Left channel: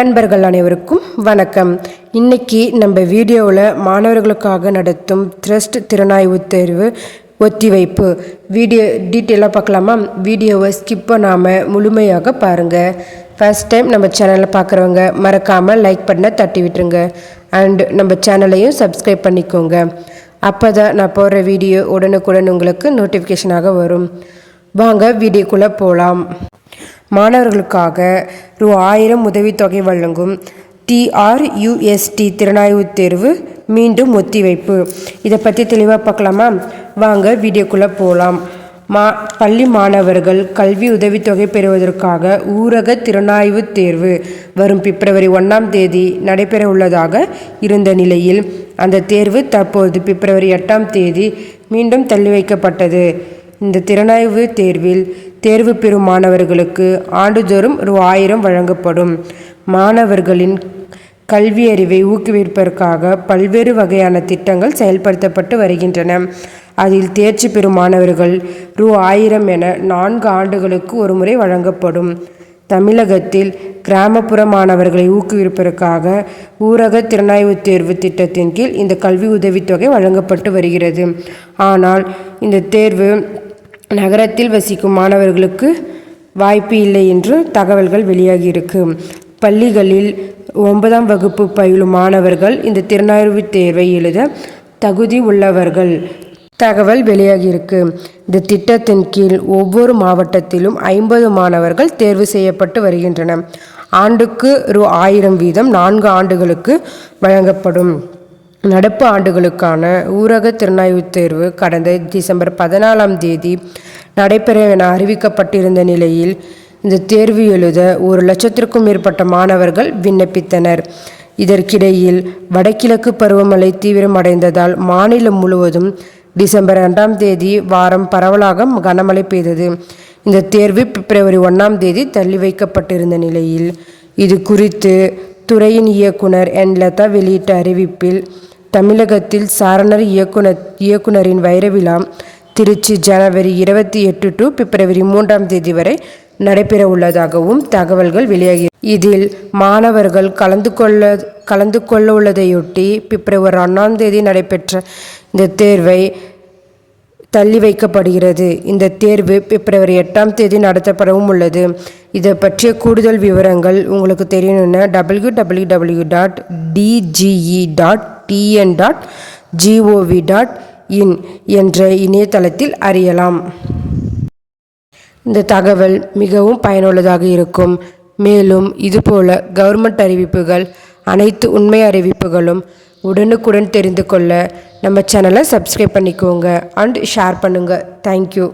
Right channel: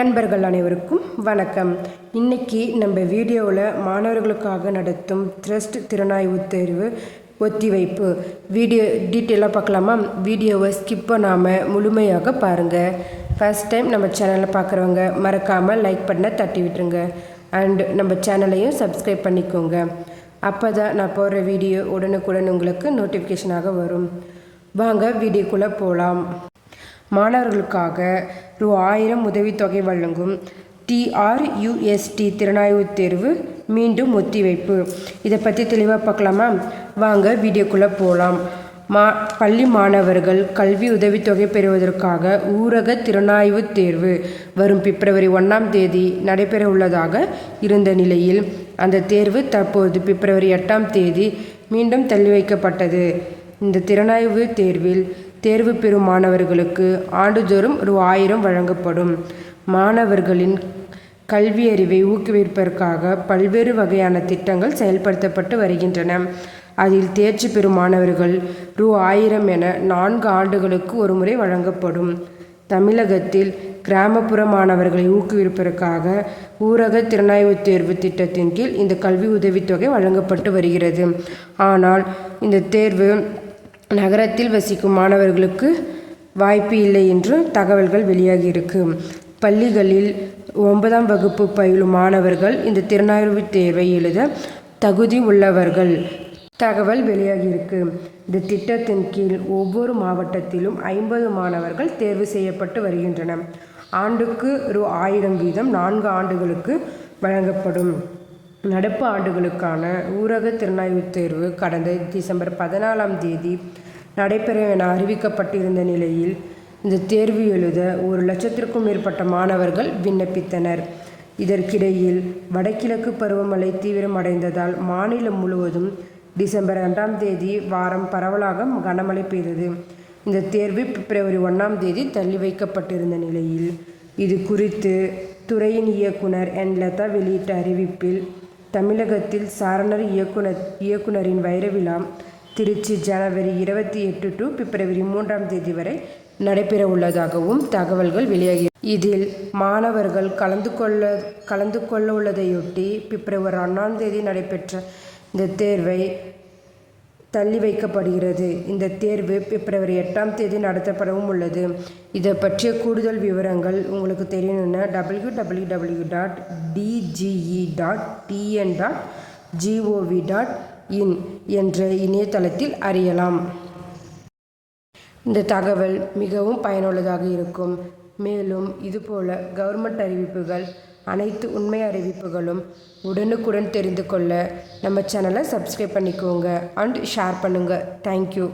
நண்பர்கள் அனைவருக்கும் வணக்கம். இன்னைக்கு நம்ம வீடியோவில் மாணவர்களுக்காக நடத்தும் த்ரஸ்ட் திறனாய்வு தேர்வு ஒத்திவைப்பு வீடியோ டீட்டெயிலாக பார்க்கலாமா? வீடியோவை ஸ்கிப் பண்ணாமல் முழுமையாக பாருங்கள். ஃபர்ஸ்ட் டைம் நம்ம சேனலில் பார்க்குறவங்க மறக்காமல் லைக் பண்ண தட்டி விட்டுருங்க. அண்ட் நம்ம சேனலையும் சப்ஸ்கிரைப் பண்ணிக்கோங்க. அப்போ தான் நான் போடுற வீடியோ உடனுக்குடன் உங்களுக்கு நோட்டிஃபிகேஷனாக வரும். வாங்க வீடியோக்குள்ளே போகலாம். மாணவர்களுக்காக ரூ. 1000 உதவித்தொகை வழங்கும் TRUST திறனாய்வு தேர்வு மீண்டும் ஒத்திவைப்பு. இதை பற்றி தெளிவாக பார்க்கலாமா? வாங்க வீடியோக்குள்ளே போகலாம். பள்ளி மாணவர்கள் கல்வி உதவித்தொகை பெறுவதற்காக ஊரக திறனாய்வு தேர்வு வரும் பிப்ரவரி 1 நடைபெற உள்ளதாக இருந்த நிலையில் அந்த தேர்வு தற்போது பிப்ரவரி 8 மீண்டும் தள்ளி வைக்கப்பட்டது. இந்த திறனாய்வு தேர்வில் தேர்வு பெறும் மாணவர்களுக்கு ஆண்டுதோறும் ரூ. 1000 வழங்கப்படும். மாணவர்களின் கல்வி அறிவை ஊக்குவிப்பதற்காக பல்வேறு வகையான திட்டங்கள் செயல்படுத்தப்பட்டு வருகின்றன. அதில் தேர்ச்சி பெறும் மாணவர்கள் ரூ. 1000 என 4 ஆண்டுகளுக்கு ஒருமுறை வழங்கப்படும். தமிழகத்தில் கிராமப்புற மாணவர்களை ஊக்குவிப்பதற்காக ஊரக திறனாய்வு தேர்வு திட்டத்தின் கீழ் இந்த கல்வி உதவித்தொகை வழங்கப்பட்டு வருகிறது. ஆனால் இந்த தேர்வு நகரத்தில் வசிக்கும் மாணவர்களுக்கு வாய்ப்பு இல்லை என்று தகவல்கள் வெளியாகியிருக்கு. பள்ளிகளில் 9ஆம் வகுப்பு பயிலும் மாணவர்கள் இந்த திறனாய்வு தேர்வை எழுத தகுதி உள்ளவர்கள் தகவல் வெளியாகியிருக்கு. இந்த திட்டத்தின் கீழ் ஒவ்வொரு மாவட்டத்திலும் 50 மாணவர்கள் தேர்வு செய்யப்பட்டு வருகின்றனர். ஆண்டுக்கு ரூ. 1000 வீதம் 4 ஆண்டுகளுக்கு வழங்கப்படும். நடப்பு ஆண்டுகளுக்கான ஊரக திறனாய்வு தேர்வு கடந்த டிசம்பர் 14 நடைபெற என அறிவிக்கப்பட்டிருந்த நிலையில் இந்த தேர்வு எழுத 1,00,000க்கும் மேற்பட்ட மாணவர்கள் விண்ணப்பித்தனர். இதற்கிடையில் வடகிழக்கு பருவமழை தீவிரமடைந்ததால் மாநிலம் முழுவதும் டிசம்பர் 2 வாரம் பரவலாக கனமழை பெய்தது. இந்த தேர்வு பிப்ரவரி 1 தள்ளி வைக்கப்பட்டிருந்த நிலையில் இது குறித்து துறையின் இயக்குனர் N. லதா வெளியிட்ட அறிவிப்பில் தமிழகத்தில் சாரணர் இயக்குனரின் வைரவிழா திருச்சி ஜனவரி 28 to பிப்ரவரி 3 வரை நடைபெற உள்ளதாகவும் தகவல்கள் வெளியாகி இதில் மாணவர்கள் கலந்து கொள்ள உள்ளதையொட்டி பிப்ரவரி 1 நடைபெற்ற இந்த தேர்வை தள்ளி வைக்கப்படுகிறது. இந்த தேர்வு பிப்ரவரி 8 நடத்தப்படவும் உள்ளது. இதை பற்றிய கூடுதல் விவரங்கள் உங்களுக்கு தெரியணும்னா www.dge.tn.gov.in என்ற இணையதளத்தில் அறியலாம். இந்த தகவல் மிகவும் பயனுள்ளதாக இருக்கும். மேலும் இதுபோல கவர்மெண்ட் அறிவிப்புகள் அனைத்து உண்மை அறிவிப்புகளும் உடனுக்குடன் தெரிந்து கொள்ள நம்ம சேனலை சப்ஸ்கிரைப் பண்ணிக்கோங்க அண்ட் ஷேர் பண்ணுங்கள். தேங்க்யூ.